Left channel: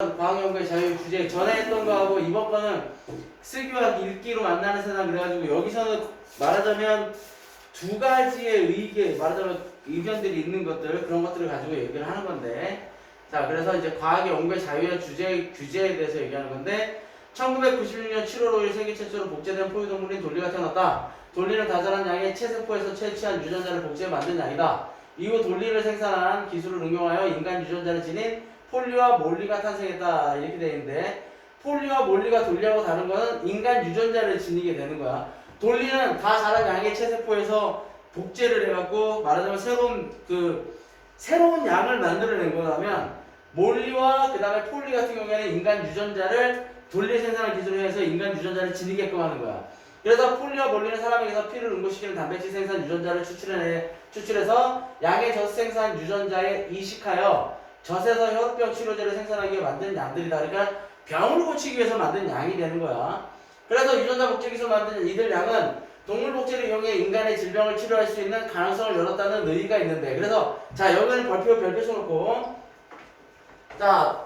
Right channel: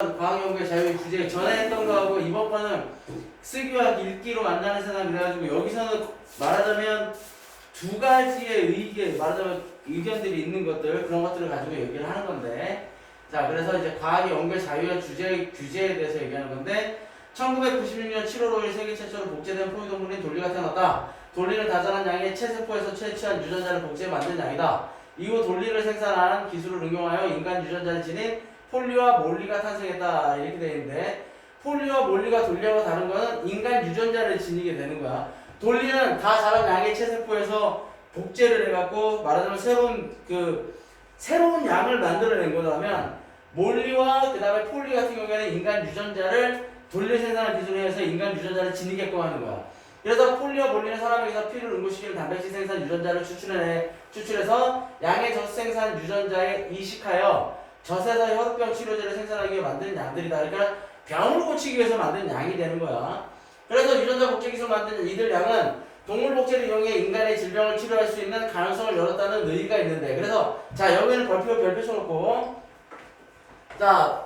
과학연구의 자유 주제 전에 했던 거하고 이번 거는 쓰기와 읽기로 만나는 세상 그래가지고 여기서는 말하자면 두 가지의 의견들이 있는 것들 그런 것들을 가지고 얘기를 하는 건데 자 그래서 이제 과학의 연구의 자유의 규제에 대해서 얘기하는 건데 1996년 7월 5일 세계 최초로 복제된 포유동물인 돌리가 태어났다. 돌리는 다자란 양의 체세포에서 채취한 유전자를 복제해 만든 양이다. 이후 돌리를 생산한 기술을 응용하여 인간 유전자를 지닌 폴리와 몰리가 탄생했다 이렇게 되어 있는데 폴리와 몰리가 돌리하고 다른 거는 인간 유전자를 지니게 되는 거야. 돌리는 다 자란 양의 체세포에서 복제를 해갖고 말하자면 새로운 양을 만들어낸 거라면 몰리와 그 다음에 폴리 같은 경우에는 인간 유전자를 돌리 생산한 기술을 해서 인간 유전자를 지니게끔 하는 거야. 그래서 폴리와 몰리는 사람에게서 피를 응고시키는 단백질 생산 유전자를 추출해서 양의 젖 생산 유전자에 이식하여 젖에서 혈우병 치료제를 생산하기 위해 만든 양들이다. 그러니까 병을 고치기 위해서 만든 양이 되는 거야. 그래서 유전자 복제 기술 만든 이들 양은 동물 복제를 이용해 인간의 질병을 치료할 수 있는 가능성을 열었다는 의의가 있는데 그래서 자 여기는 별표 쳐놓고 자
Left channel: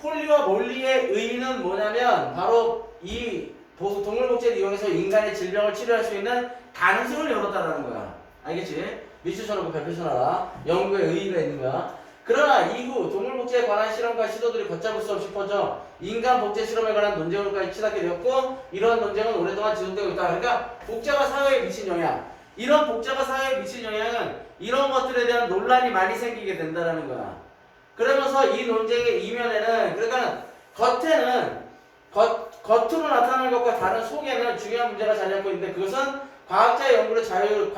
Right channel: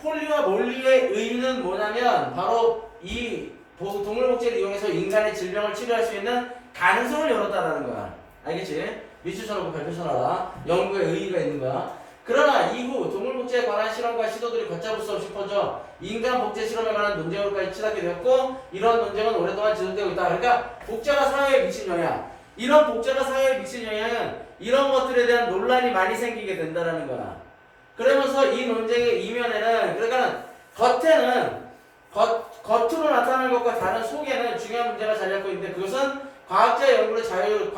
폴리와 몰리의 의의는 뭐냐면 바로 이 동물 복제를 이용해서 인간의 질병을 치료할 수 있는 가능성을 열었다라는 거야. 알겠지? 밑줄 쳐놓고 별표 쳐놔라. 연구의 의의가 있는 거야. 그러나 이후 동물 복제에 관한 실험과 시도들이 걷잡을 수 없이 퍼져 인간 복제 실험에 관한 논쟁으로까지 치닫게 되었고 이러한 논쟁은 오랫동안 지속되고 있다. 그러니까 복제가 사회에 미친 영향 이런 복제가 사회에 미친 영향은 이런 것들에 대한 논란이 많이 생기게 된다는 거야. 그러면서 이 논쟁의 이면에는 그러니까 겉으로 나타나는 것과 다른 속에는 중요한 문제가 자리 잡고 있는데 그것은 과학자 연구의 자유를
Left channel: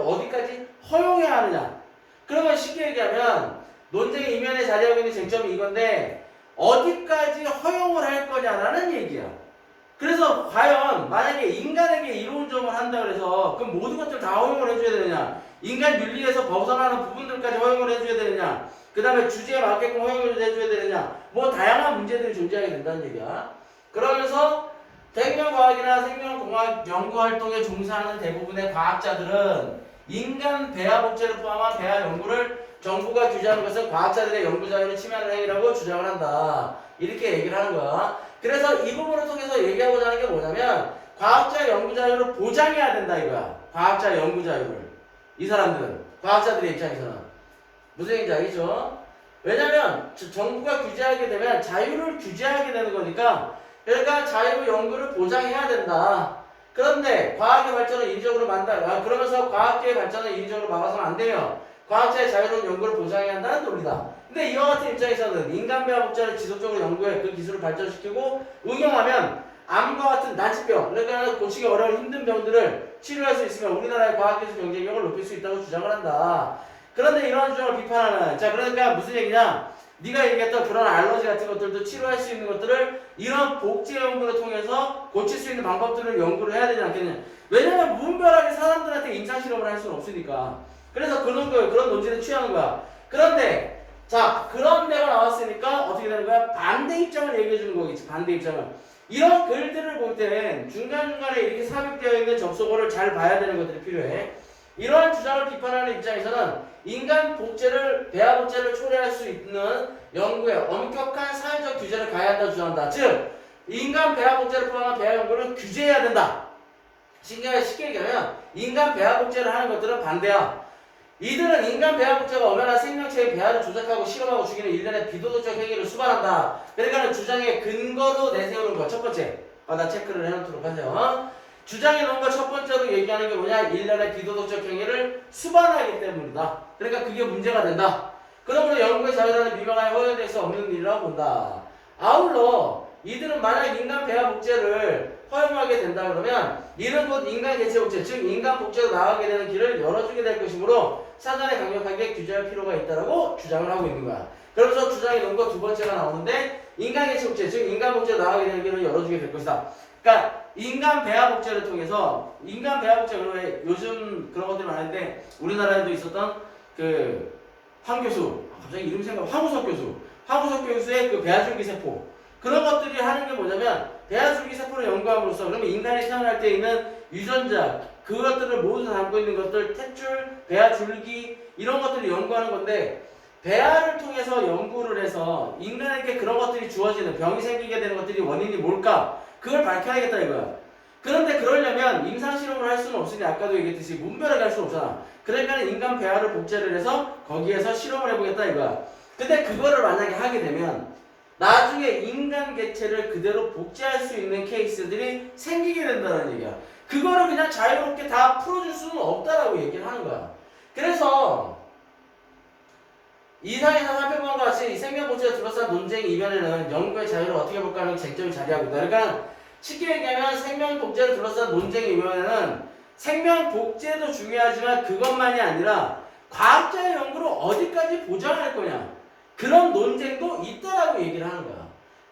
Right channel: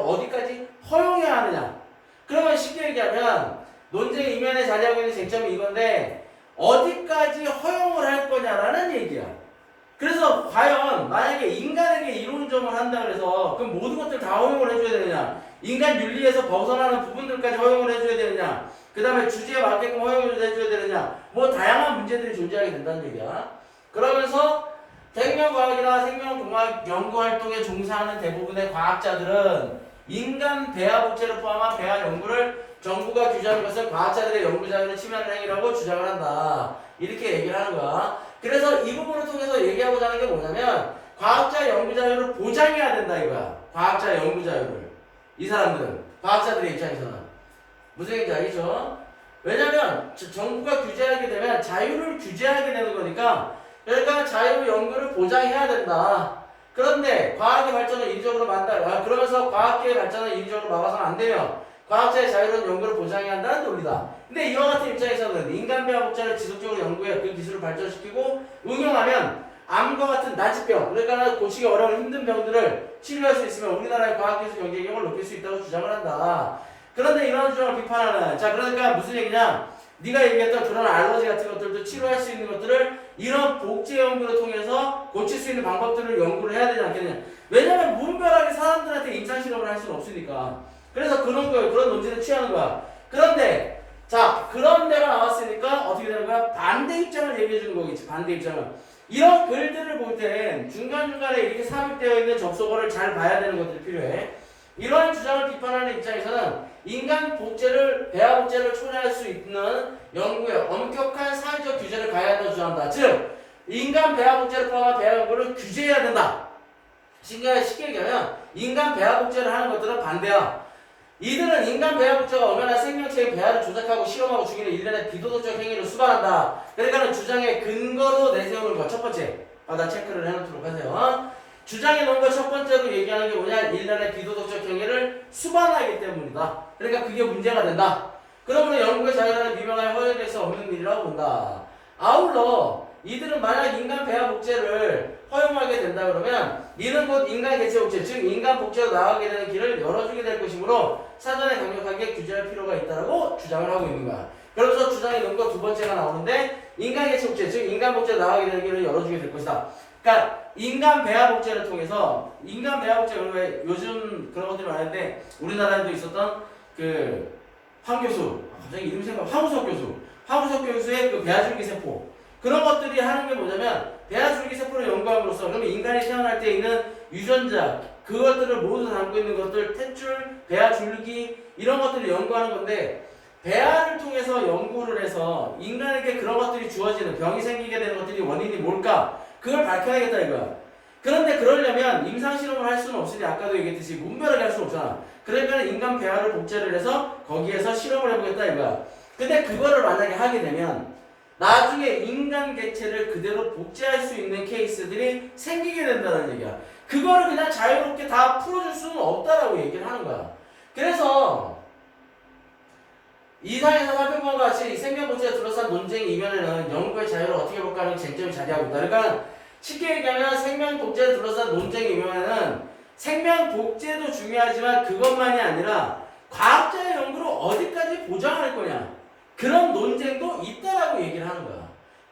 어디까지 허용해야 하느냐. 그러면 쉽게 얘기하면 논쟁의 이면에 자리하고 있는 쟁점이 이건데 어디까지 허용을 할 거냐라는 얘기야. 그래서 과연 만약에 인간에게 이론점을 한다 그래서 그럼 모든 것들 다 허용을 해줘야 되느냐, 인간 윤리에서 벗어나는 부분들까지 허용을 해줘야 되느냐, 그 다음에 주제에 맞게끔 허용을 해줘야 되느냐, 뭐 다양한 문제들이 존재하게 된다는 얘기야. 그러면서 생명과학이나 생명공학 연구활동에 종사하는 대부분의 과학자들은 인간 배아 복제를 포함한 배아 연구를 정부가 규제하는 것은 과학자들의 연구 자유를 침해하는 행위라고 주장을 한다. 이렇게 얘기를 하는 거야. 그래서 이 부분을 통해서 얘기하고자 하는 게 뭐냐면 과학자 연구 자유를 보장해야 된다 이거야. 과학자 연구 자유를. 이 사람들은 과학자들의 입장에서는 무슨 얘기인지 알겠죠? 왜냐면 정부가 규제하게 되면 자유를 규제하게 되는 거니까 그러니까 자유 연구를 보장해야 된다. 그런데 과학의 발전을 인위적으로 그러면서 과학계의 발전을 인위적으로 막아서는 안 돼요. 과학자의 자유로운 연구를 보장해야 한다는 논리다. 근데 이와 같은 입장에서는 인간 배아 복제를 지속적으로 연구해 그 기술을 발전시키고 응용하면 암과 같은 난치병, 그러니까 고치기 어려운 힘든 병들을 치료할 수 있으면 우리나라의 과학기술 경쟁력을 높일 수 있다고 주장을 한다. 그런데 이러한 주장을 비판하는 자 그러니까 무슨 얘기냐? 네가 얘기했던 그런 알러지 같은 것들도 치료할 수 있는 것들을 이런 복제 연구를 통해서 고칠 수 있는 방법들을 연구를 해야 되지 않겠냐. 왜냐면 무분별하게 사람들한테 임상실험을 할 수는 없으니까. 그래서 그런 논지를 취하는 거야. 그런데 자 그런 데가 나왔으니까 어떻게 되는 거야? 반대 입장을 얘기해 주는 거겠지. 반대 입장을. 이런 글들을 볼 땐 중간중간에 이렇게 삽입되어 있는 접속어를 잘 봐야 되는 것들이 필요해. 이러한 주장을 비판하는 입장에서는 인간 복제를 배아 복제를 초래할 수 있는 연구에 엄격한 사회적 규제를 가해야 한다고 주장한다. 즉 인간 배아 복제를 포함한 배아 연구를 규제해야 된다. 쉽게 얘기하면 인간 배아 복제를 하는 것들은 반대야. 이들은 인간 배아 복제가 엄연한 생명체의 배아를 조작하고 실험하고 죽이는 일련의 비도덕적 행위를 수반한다. 그러니까 주장의 근거로 내세우는 것 첫 번째. 나 체크를 해놓도록 하세요. 주장해 놓은 것 첫 번째로 얘기하는 게 뭐냐? 일련의 비도덕적 행위를 수반하기 때문이다. 그러니까 그게 문제가 된다. 그러므로 연구의 자유라는 미명하여 허용될 수 없는 일이라고 본다. 아울러 이들은 만약 인간 배아 복제를 허용하게 된다 그러면 이는 곧 인간 개체 복제, 즉 인간 복제로 나가게 되는 길을 열어주게 될 것이므로 사전에 강력하게 규제할 필요가 있다고 주장을 하고 있는 거야. 그러면서 주장해 놓은 것 두 번째가 나오는데 인간 개체 복제, 즉 인간 복제로 나가게 되는 길을 열어주게 될 것이다. 그러니까 인간 배아 복제를 통해서 인간 배아 복제 왜 요즘 그런 것들이 많은데 우리나라에도 있었던 그 황 교수 갑자기 이름 생각 황우석 교수의 그 배아줄기 세포 그런 것들이 하는 게 뭐냐면 배아줄기 세포를 연구함으로써 그러면 인간이 태어날 때 있는 유전자 그것들을 모두 담고 있는 것들 탯줄 배아줄기 이런 것들을 연구하는 건데 배아를 통해서 연구를 해서 인간에게 그런 것들이 주어지는 병이 생기게 되는 것들이 원인이 뭘까? 그걸 밝혀야겠다 이거야. 그런데 그러려면 임상실험을 할 수는 없으니 아까도 얘기했듯이 문별하게 할 수는 없잖아. 그러니까 인간 배아를 복제를 해서 거기에서 실험을 해보겠다 이거야. 근데 그거를 만약에 하게 되면 나중에 인간 개체를 그대로 복제할 수 있는 케이스들이 생기게 된다는 얘기야. 그거를 그냥 자유롭게 다 풀어줄 수는 없다라고 얘기를 하는 거야. 그래서 이상에서 살펴본 것 같이 생명 복제에 둘러싼 논쟁 이면에는 연구의 자유를 어떻게 볼까 하는 쟁점이 자리하고 있다. 그러니까 쉽게 얘기하면 생명 복제를 둘러싼 논쟁 이면에는 생명 복제도 중요하지만 그것만이 아니라 과학자의 연구를 어디까지 보장할 거냐 그런 논쟁도 있다라고 얘기를 하는 거야.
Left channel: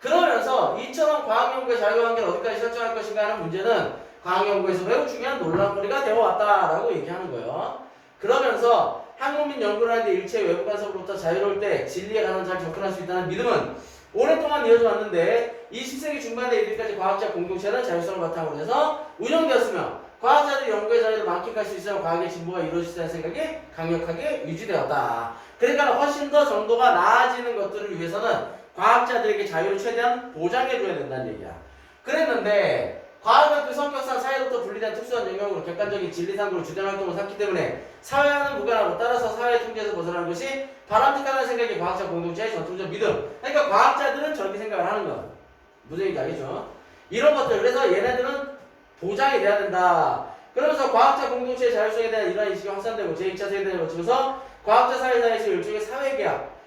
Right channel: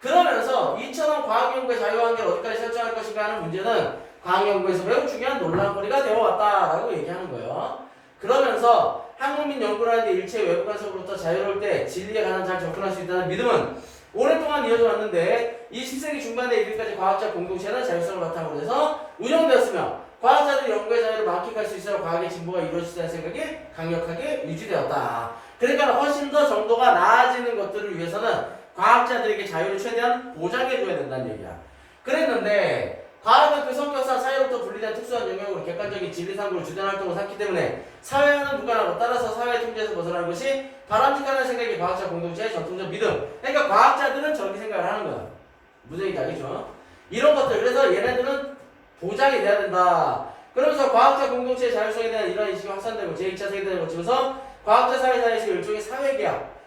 그러면서 이처럼 과학연구의 자유관계를 어디까지 설정할 것인가 하는 문제는 과학연구에서 매우 중요한 논란거리가 되어왔다라고 얘기하는 거예요. 그러면서 한국민 연구를 하는데 일체 외부 간섭으로부터 자유로울 때 진리에 관한 잘 접근할 수 있다는 믿음은 오랫동안 이어져 왔는데 20세기 중반에 이르기까지 과학자 공동체는 자율성을 바탕으로 해서 운영되었으며 과학자들이 연구의 자유를 만끽할 수 있어 과학의 진보가 이루어질 수 있다는 생각이 강력하게 유지되었다. 그러니까 훨씬 더 정도가 나아지는 것들을 위해서는 과학자들에게 자유를 최대한 보장해줘야 된다는 얘기야. 그랬는데 과학은 그 성격상 사회로부터 분리된 특수한 영역으로 객관적인 진리상으로 주된 활동을 삼기 때문에 사회와는 무관하고 따라서 사회의 통제에서 벗어나는 것이 바람직하다는 생각이 과학자 공동체의 전통적 믿음. 그러니까 과학자들은 저렇게 생각을 하는 거야. 무슨 얘기인지 알겠죠? 이런 것들. 그래서 얘네들은 보장이 돼야 된다. 그러면서 과학자 공동체의 자율성에 대한 이러한 인식이 확산되고 제2차 세계대전을 거치면서 과학자 사회사에서 일종의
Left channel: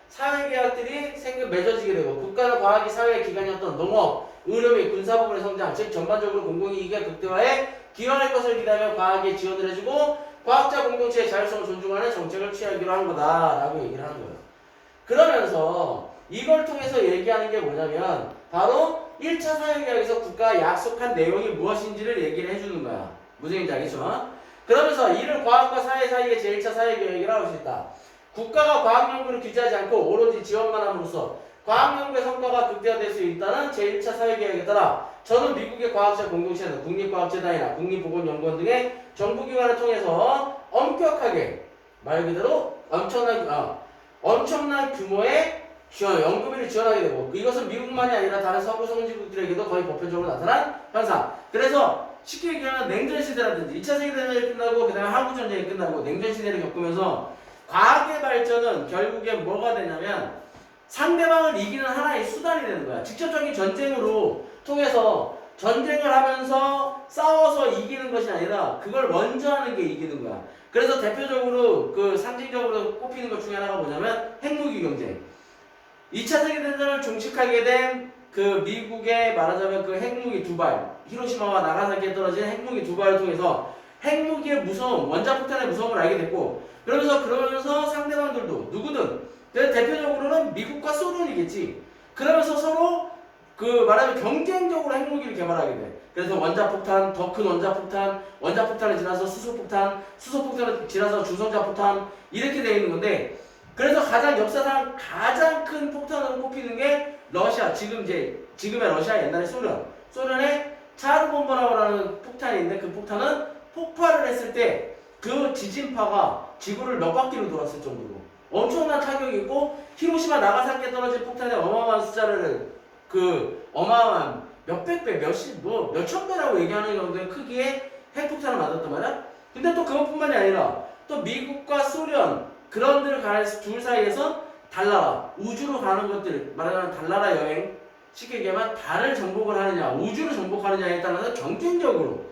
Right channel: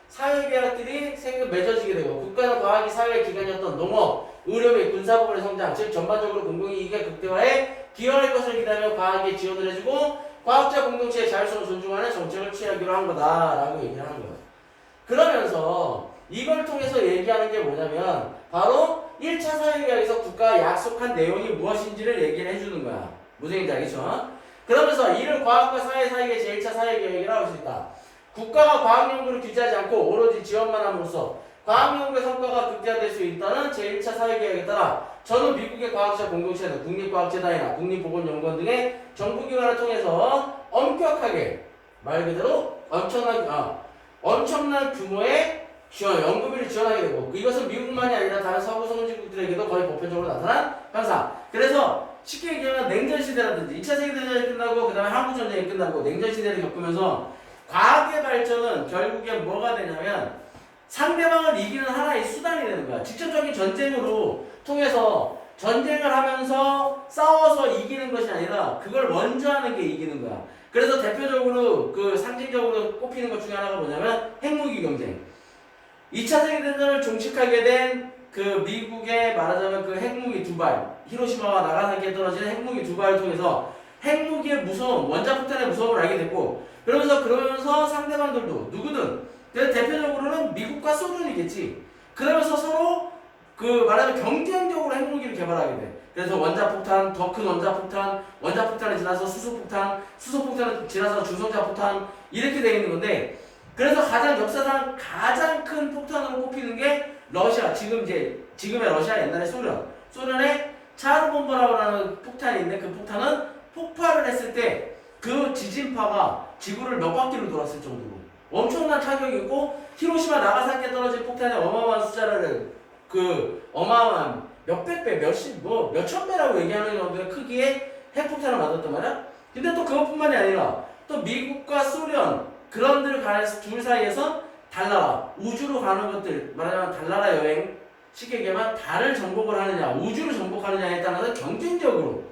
사회계약들이 맺어지게 되고 국가는 과학이 사회의 기관이었던 농업, 의료 및 군사 부분의 성장, 즉 전반적으로 공공이익의 극대화에 기여할 것을 기대하며 과학에 지원을 해주고 과학자 공동체의 자율성을 존중하는 정책을 취하기로 한 거다라고 얘기를 하는 거예요. 그러면서 이걸 통해서 얘기하는 게 뭐냐면 바로 1차 사회계약에서 국가가 약속한 내용이 무엇인지를 얘기를 해주는 거야. 무슨 얘기인지 알겠죠? 그러면서 이를 과학과 사회 사이의 제1차 사회계약이라고 할 수 있다. 국가가 과학연구를 규제하지 않고 오로지 지원만 함으로써 과학연구의 성과가 극대화될 수 있다는 제1차 사회계약에 따라 저는 미국의 과학자 공동체는 국립과학재단이나 국립보건연구원 등의 정부기관을 통해서 엄격하게 말 그대로 엄청난 규모의 연구비를 지원하게 되고 이것은 미국만이 아니라 다른 서구 선진국들에게도 거의 보편적으로 나타난 현상. 그래서 쉽게 얘기하면 냉전시대라든지 2차 세계대전이 끝나고 그 다음에 한국전쟁이 끝나고 냉전시대를 겪으면서 과학의 발전은 결국엔 뭐가 되냐면 상대방을 이기는 하나의 수단이 되는 거야. 직접적인 전쟁으로 통해서 전쟁을 하면서 싸워서 이기는 것이 아니라 그걸 먼저 하는 게 이기는 거야. 그래서 대표적으로 그 상징적으로 꼽히는 것 중에 하나가 뭐냐면 핵무기 경쟁. 2차 세계대전을 종식하게 된 그 미국의 말하자면 그 핵무기 두 발, 히로시마와 나가사키에 떨어진 핵무기 두 발을 통해서 핵무기의 무서움, 원자폭탄의 무서움을 알게 됐고 그러면서 상대방들도 누구든 대표적으로는 미국과 소련이겠지. 그러면서 서로 그 말하면 경쟁적으로 핵무기를 개발하게 돼. 그래서 원자폭탄, 더 큰 원자폭탄, 원자폭탄이 지나서 수소폭탄, 수소폭탄이 지나서 중성자폭탄 이렇게 되어 있는 건데 그래서 역사상 가장 큰 폭탄으로 꼽히는 게 러시아, 지금의 러시아 옛날의 소련의 차르본바라고 하는 폭탄이 있는데 그 폭탄은 폭발을 했을 때 그 지진파가 지구를 몇 바퀴로 돌았을 정도로 엄청난 타격이 있고 히로시마 나가사키에 떨어진 폭탄의 어마어마한 숫자를 어마어마한 몇백 배, 몇천 배라고 얘기하는 정도의 크기의 핵폭탄을 맞았단 말이야. 근데 또 그것뿐만이 아니라 또 미국과 소련 그런 둘 사이에서 달나라, 우주로 가는 것들 말하자면 달나라 여행 쉽게 얘기하면 달을 정복을 하느냐 우주를 정복하느냐에 따라서 경쟁적으로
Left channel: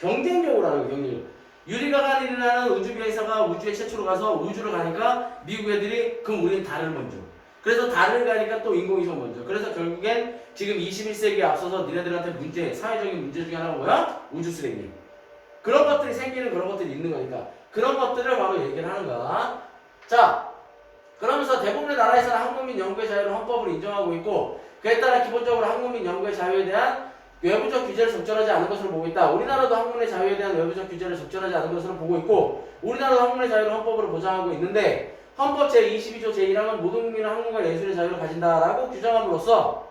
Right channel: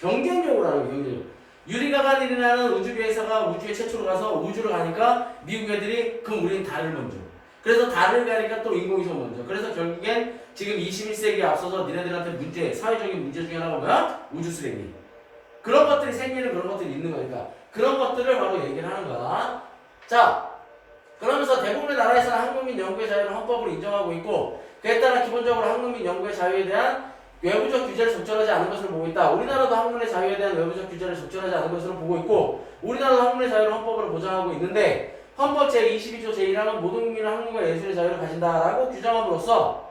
하는 경쟁. 유리 가가린이라는 우주비행사가 우주에 최초로 가서 우주를 가니까 미국 애들이 그럼 우리는 달을 먼저. 그래서 달을 가니까 또 인공위성 먼저. 그래서 결국엔 지금 21세기에 앞서서 니네들한테 사회적인 문제 중에 하나가 뭐야? 우주 쓰레기. 그런 것들이 생기는 그런 것들이 있는 거니까. 그런 것들을 바로 얘기를 하는 거다. 자, 그러면서 대부분의 나라에서는 한국민 연구의 자유를 헌법으로 인정하고 있고 그에 따라 기본적으로 한국민 연구의 자유에 대한 외부적 규제를 적절하지 않은 것으로 보고 있다. 우리나라도 학문의 자유에 대한 외부적 규제를 적절하지 않은 것으로 보고 있고 우리나라도 학문의 자유를 헌법으로 보장하고 있는데 헌법 제22조 제1항은 모든 국민은 학문과 예술의 자유를 가진다라고 규정함으로써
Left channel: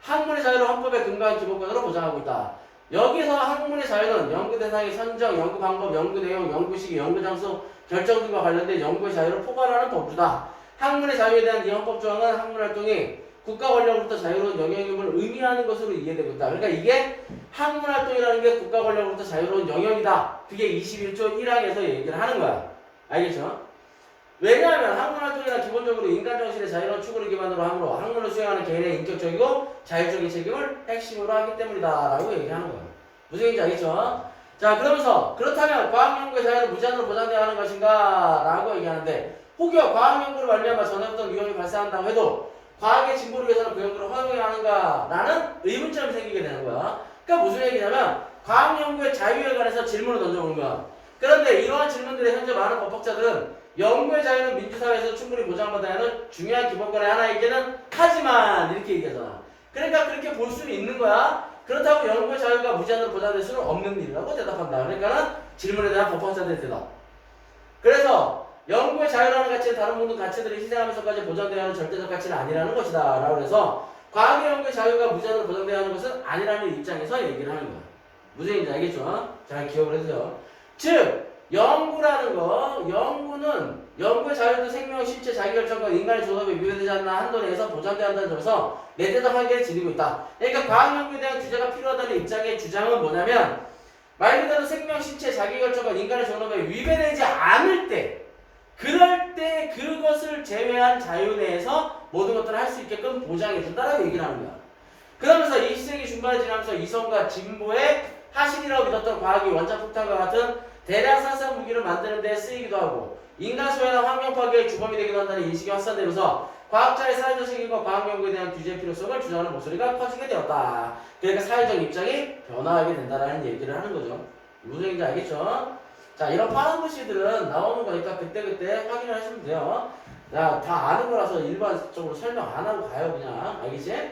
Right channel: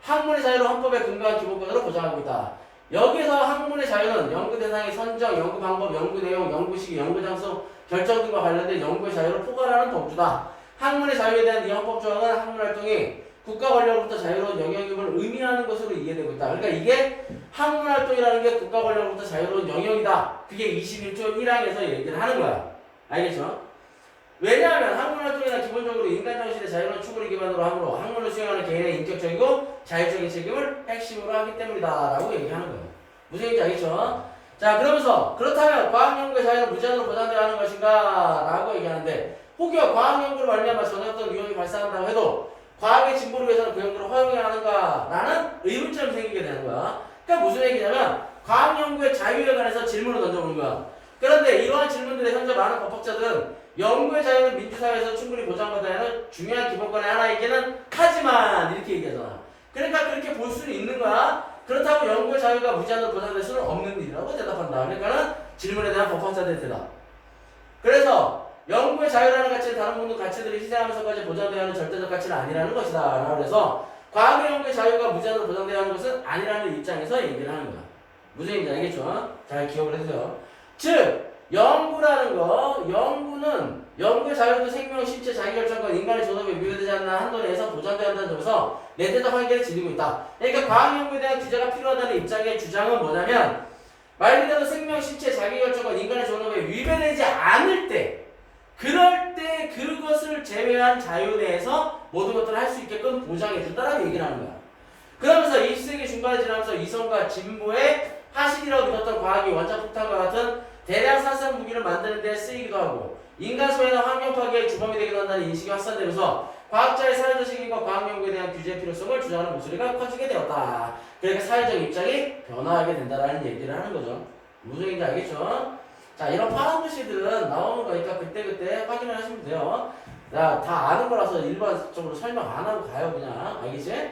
학문의 자유를 헌법에 근거한 기본권으로 보장하고 있다. 여기서 학문의 자유는 연구 대상의 선정, 연구 방법, 연구 내용, 연구 시기, 연구 장소 결정 등과 관련된 연구의 자유를 포괄하는 범주다. 학문의 자유에 대한 이 헌법 조항은 학문 활동이 국가 권력으로부터 자유로운 영역임을 의미하는 것으로 이해되고 있다. 그러니까 이게 학문 활동이라는 게 국가 권력으로부터 자유로운 영역이다. 그게 21조 1항에서 얘기를 하는 거야. 알겠죠? 왜냐하면 학문 활동이란 기본적으로 인간 정신의 자유로운 추구를 기반으로 하므로 학문을 수행하는 개인의 인격적이고 자율적인 책임을 핵심으로 하기 때문이다라고 얘기하는 거예요. 무슨 얘기인지 알겠죠? 자, 그러면서 그렇다면 과학연구의 자유는 무제한으로 보장되어야 하는 것인가? 라고 얘기하는데 혹여 과학연구를 말미암아 전에 어떤 위험이 발생한다고 해도 과학의 진보를 위해서는 그 연구를 허용해야 하는가? 라는 의문점이 생기게 되는 거야. 그러니까 무슨 얘기냐면 과학연구의 자유에 관해서 질문을 던져보는 거야. 그런데 이러한 질문들에 현재 많은 법학자들은 연구의 자유는 민주사회에서 충분히 보장받아야 하는 중요한 기본권의 하나이기는 하지만 이렇게 얘기하잖아. 그러니까 그렇게 볼 수는 있는 거야. 그렇다고 연구의 자유가 무제한으로 보장될 수는 없는 일이라고 대답한다. 그러니까는 질문에 대한 법학자들의 대답. 그래서 연구의 자유라는 가치는 다른 모든 가치들이 희생하면서까지 보장되어야 하는 절대적 가치는 아니라는 것이다. 라고 해서 과학의 연구의 자유가 무제한으로 보장되어야 하는 것은 아니라는 입장에서 얘기를 하는 거야. 무슨 얘기인지 알겠죠? 잘 기억을 해주세요. 즉 연구라는 거, 연구의 자유도 생명, 신체, 자기결정과 인간의 존엄에 위배되지 않는 한도 내에서 보장돼야 한다는 점에서 내대적 한계를 지니고 있다. 그러니까 과학연구에 대한 규제가 필요하다는 입장의 주장은 뭐냐면 말 그대로 생명, 신체, 자기결정과 인간의 존엄에 위배되지 않을 때 그럴 때 그것을 제외한 자유 내에서 모든 것들을 할 수 있게끔 보장해준다라고 얘기를 하는 거야. 그러면서 20세기 중반에 지나면서 이성과 진보의 하식이라고 믿었던 과학이 원자폭탄과 같은 대량 산성 무기를 만드는 데 쓰이기도 하고 인간 소외나 환경 파괴의 주범이 되기도 한다는 인식이 확산되면서 과학자의 사회적 책임과 과학 연구에 대한 규제의 필요성을 주장하는 목소리가 커지게 되었다. 그러니까 사회적 입장이 변화하게 된다는 얘기를 하는 거죠. 무슨 얘기인지 알겠죠? 자, 이런 파란 글씨들은 나오는 거니까 그때그때 확인을 하시면 돼요. 자, 다 아는 거라서 일반적으로 설명 안 하고 가요, 그냥. 알겠지?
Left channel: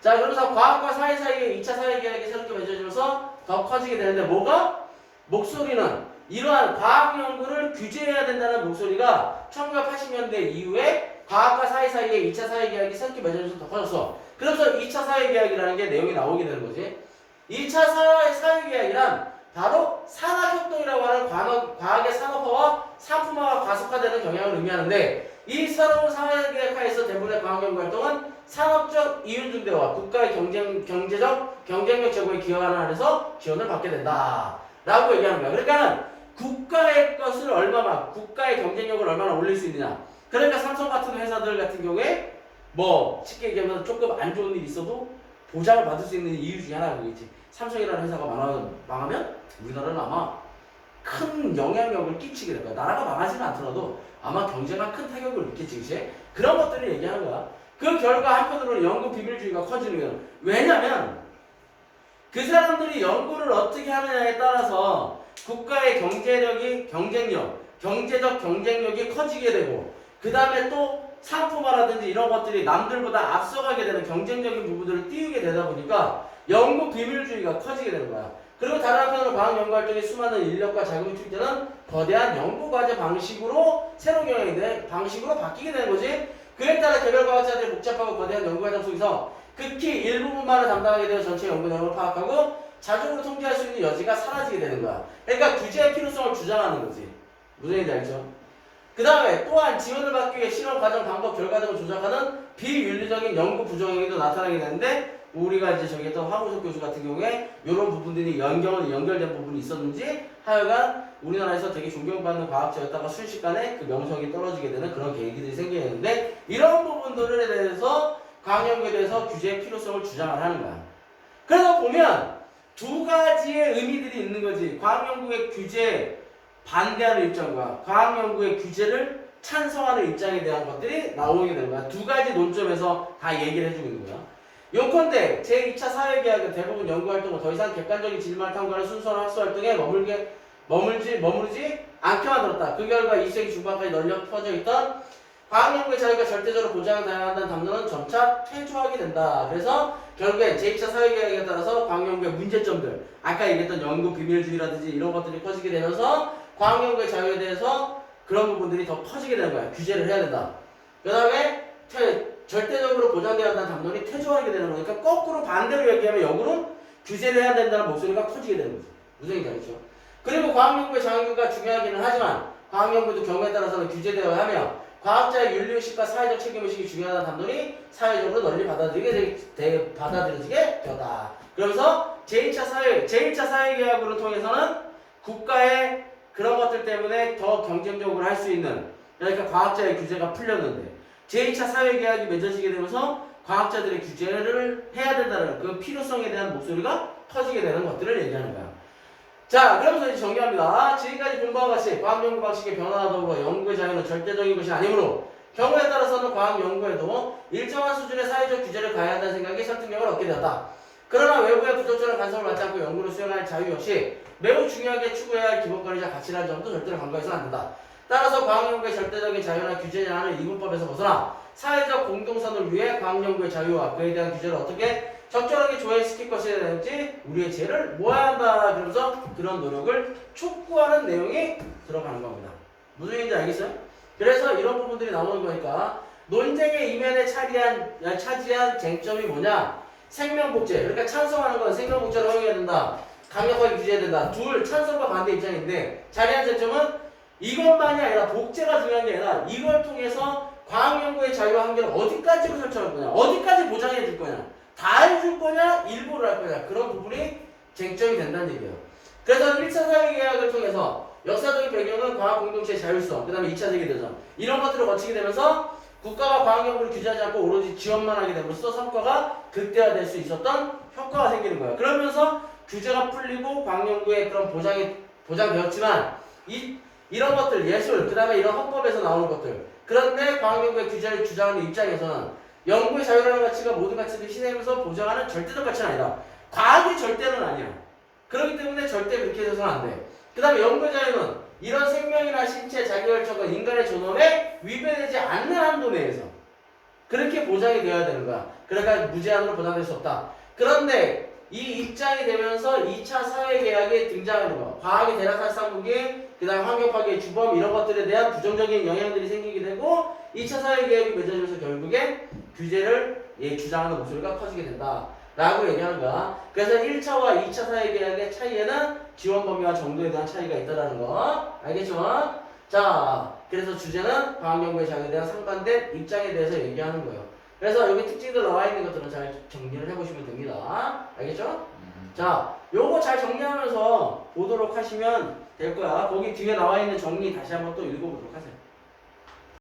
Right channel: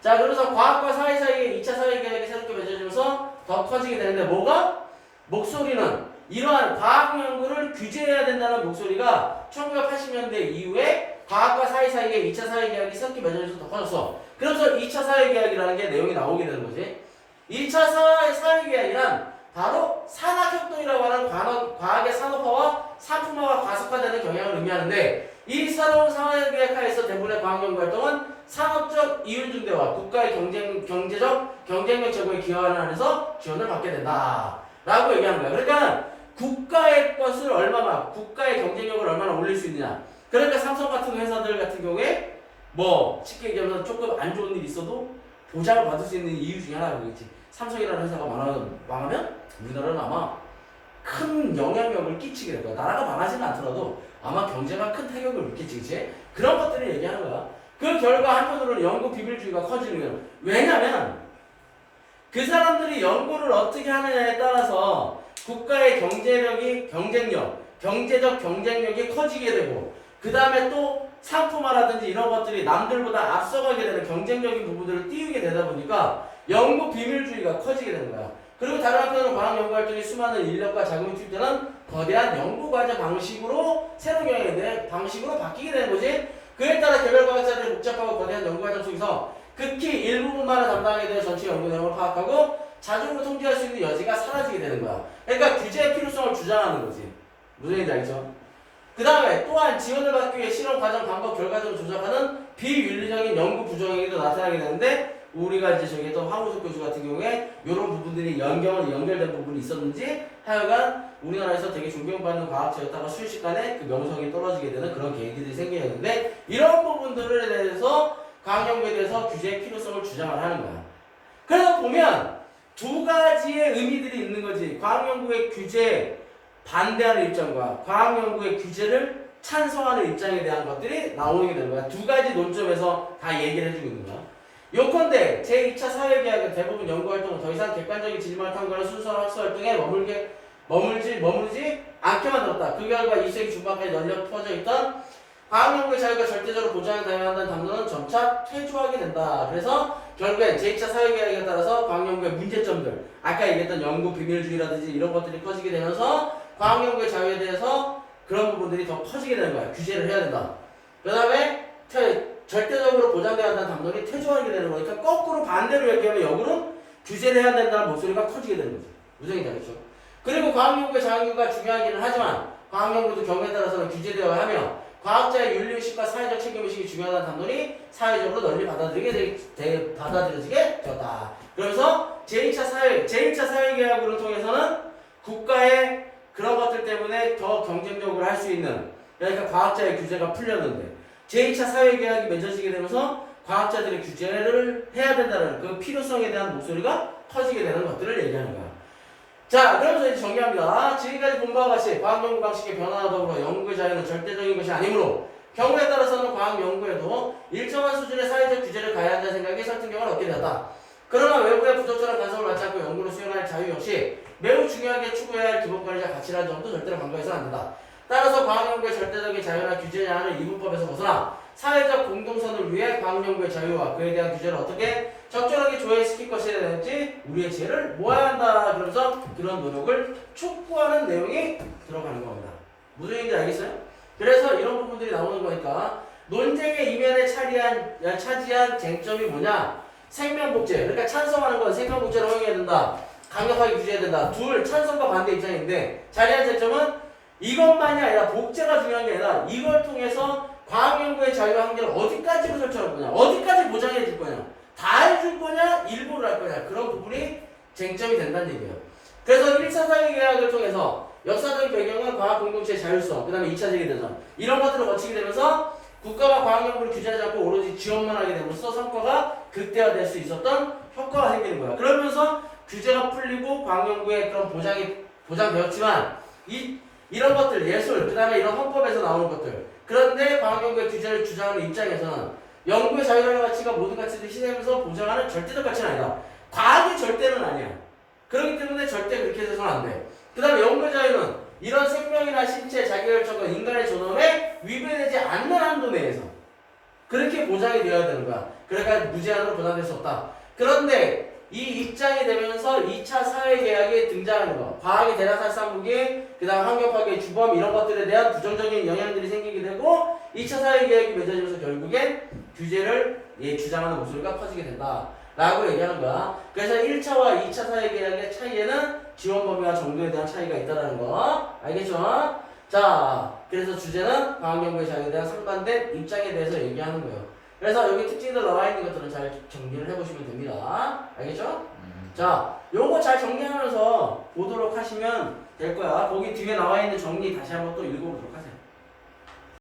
자, 그러면서 과학과 사회 사이에 2차 사회계약이 새롭게 맺어지면서 더 커지게 되는데 뭐가? 목소리는 이러한 과학 연구를 규제해야 된다는 목소리가 1980년대 이후에 과학과 사회 사이에 2차 사회계약이 새롭게 맺어지면서 더 커졌어. 그래서 2차 사회계약이라는 게 내용이 나오게 되는 거지. 2차 사회계약이란 바로 산학혁동이라고 하는 과학의 산업화와 상품화가 가속화되는 경향을 의미하는데 이 새로운 사회계약 하에서 대부분의 과학연구활동은 산업적 이윤증대와 국가의 경제적 경쟁력 제고에 기여하는 한에서 지원을 받게 된다 라고 얘기하는 거야. 그러니까 국가의 것을 얼마나 국가의 경쟁력을 얼마나 올릴 수 있느냐. 그러니까 삼성 같은 회사들 같은 경우에 뭐 쉽게 얘기하면 조금 안 좋은 일이 있어도 보장을 받을 수 있는 이유 중에 하나가 그겠지. 삼성이라는 회사가 망하면 우리나라는 아마 큰 영향력을 끼치게 될 거야. 나라가 망하지는 않더라도 아마 경제가 큰 타격을 입겠지, 그치? 그런 것들을 얘기하는 거야. 그 결과 한편으로는 연구 비밀주의가 커지는 거예요. 왜냐면 그 사람들이 연구를 어떻게 하느냐에 따라서 국가의 경제적 경쟁력이 커지게 되고 그 다음에 또 상품화라든지 이런 것들이 남들보다 앞서가게 되는 경쟁적인 부분들을 띄우게 되다 보니까 연구 비밀주의가 커지게 되는 거야. 그리고 다른 한편으로 과학 연구 활동에 수많은 인력과 자금이 투입되는 거대한 연구 과제 방식으로 새로운 경영의 방식으로 바뀌게 되는 거지. 그에 따라 개별 과학자들의 복잡하고 거대한 연구 과정 속에서 극히 일부분만을 담당하게 되어 전체 연구 내용을 파악하고 자주적으로 통제할 수 있는 여지가 사라지게 되는 거야. 그러니까 규제의 필요성을 주장하는 거지. 무슨 얘기인지 알죠? 그 다음에 또한 지원을 받기 위해 실험 과정, 방법, 결과 등을 조작하는 비윤리적인 연구 부정행위도 나타나게 되는데 우리가 이제 저기 했던 황우석 교수 같은 경우에 이런 부분들이 연결된 부분이 있었는지 하여간 우리나라에서 되게 존경받는 과학자였다가 순식간에 그 명성이 떨어지게 되는 그런 계기들이 생기게 되는데 이런 부분들에 대해서 과학연구에 대해서 규제의 필요성을 주장을 하는 거야. 그래서 보면 두 가지의 의미들이 있는 거지. 과학연구의 규제 반대하는 입장과 과학연구의 규제를 찬성하는 입장에 대한 것들이 나오게 되는 거야. 두 가지 논점에서 다 얘기를 해주고 있는 거야. 요컨대 제2차 사회계약은 대부분 연구활동은 더 이상 객관적인 진실만을 탐구하는 순수한 학술활동에 머무르지 않게 만들었다. 그 결과 20세기 중반까지 널려 퍼져 있던 과학연구의 자유가 절대적으로 보장돼야 한다는 담론은 점차 퇴조하게 된다. 그래서 결국엔 제2차 사회계약에 따라서 과학연구의 문제점들, 아까 얘기했던 연구 비밀주의라든지 이런 것들이 커지게 되면서 과학연구의 자유에 대해서 그런 부분들이 더 커지게 되는 거야. 규제를 해야 된다. 그 다음에 절대적으로 보장돼야 한다는 담론이 퇴조하게 되는 거니까 거꾸로 반대로 얘기하면 역으로 규제를 해야 된다는 목소리가 커지게 되는 거죠. 무슨 얘기인지 알겠죠? 그리고 과학연구의 자유가 중요하기는 하지만 과학연구도 경우에 따라서는 규제되어야 하며 과학자의 윤리의식과 사회적 책임의식이 중요하다는 담론이 사회적으로 널리 받아들여지게 되었다. 그러면서 제2차 사회계약으로 통해서는 국가의 그런 것들 때문에 더 경쟁적으로 할 수 있는, 그러니까 과학자의 규제가 풀렸는데 제2차 사회계약이 맺어지게 되면서 과학자들이 규제를 해야 된다는 그 필요성에 대한 목소리가 커지게 되는 것들을 얘기하는 거야. 자, 그러면서 이제 정리합니다. 지금까지 본바와 같이 과학 연구 방식의 변화와 더불어 연구의 자유는 절대적인 것이 아니므로 경우에 따라서는 과학 연구에도 일정한 수준의 사회적 규제를 가해야 한다는 생각이 설득력을 얻게 되었다. 그러나 외부의 부적절한 간섭을 받지 않고 연구를 수행할 자유 역시 매우 중요하게 추구해야 할 기본권이자 가치라는 점도 절대로 간과해서는 안 된다. 따라서 과학연구의 절대적인 자유나 규제 제한을 이분법에서 벗어나 사회적 공동선을 위해 과학연구의 자유와 그에 대한 규제를 어떻게 적절하게 조회시킬 것에 대한지 우리의 지혜를 모아야 한다. 그러면서 그런 노력을 촉구하는 내용이 들어가는 겁니다. 무슨 얘기인지 알겠어요? 그래서 이런 부분들이 나오는 거니까 논쟁의 이면에 차지한 쟁점이 뭐냐? 생명복제. 그러니까 찬성하는 건 생명복제를 허용해야 된다. 강력하게 규제해야 된다. 둘, 찬성과 반대 입장인데 자리한 쟁점은 이것만이 아니라 복제가 중요한 게 아니라 이걸 통해서 과학연구의 자유와 한계를 어디까지로 설정할 거냐, 어디까지 보장해 줄 거냐, 다 해줄 거냐, 일부를 할 거냐, 그런 부분이 쟁점이 된다는 얘기예요. 그래서 1차 사회계약을 통해서 역사적인 배경은 과학공동체의 자율성, 그 다음에 2차 세계대전 이런 것들을 거치게 되면서 국가가 과학연구를 규제하지 않고 오로지 지원만 하게 되면서 성과가 극대화될 수 있었던 효과가 생기는 거예요. 그러면서 규제가 풀리고 과학연구의 그런 보장되었지만 이런 것들, 예술, 그 다음에 이런 헌법에서 나오는 것들, 그런데 과학연구의 규제를 주장하는 입장에서는 연구의 자유라는 가치가 모든 가치를 실행하면서 보장하는 절대적 가치는 아니다. 과학이 절대는 아니야. 그렇기 때문에 절대 그렇게 해서는 안 돼. 그 다음에 연구의 자유는 이런 생명이나 신체, 자기결정과 인간의 존엄에 위배되지 않는 한도 내에서 그렇게 보장이 되어야 되는 거야. 그러니까 무제한으로 보장될 수 없다. 그런데 이 입장이 되면서 2차 사회계약에 등장하는 거, 과학의 대략살상무기, 그 다음 환경파괴, 주범 이런 것들에 대한 부정적인 영향들이 생기게 되고 2차 사회계약이 맺어지면서 결국엔 규제를 주장하는 목소리가 커지게 된다 라고 얘기하는 거야. 그래서 1차와 2차 사회계약의 차이에는 지원 범위와 정도에 대한 차이가 있다는 거 알겠죠? 자, 그래서 주제는 과학연구의 자유에 대한 상반된 입장에 대해서 얘기하는 거예요. 그래서 여기 특징들 나와 있는 것들은 잘 정리를 해보시면 됩니다. 알겠죠? 자, 요거 잘 정리하면서 보도록 하시면 될 거야. 거기 뒤에 나와 있는 정리 다시 한번 또 읽어보도록 하세요.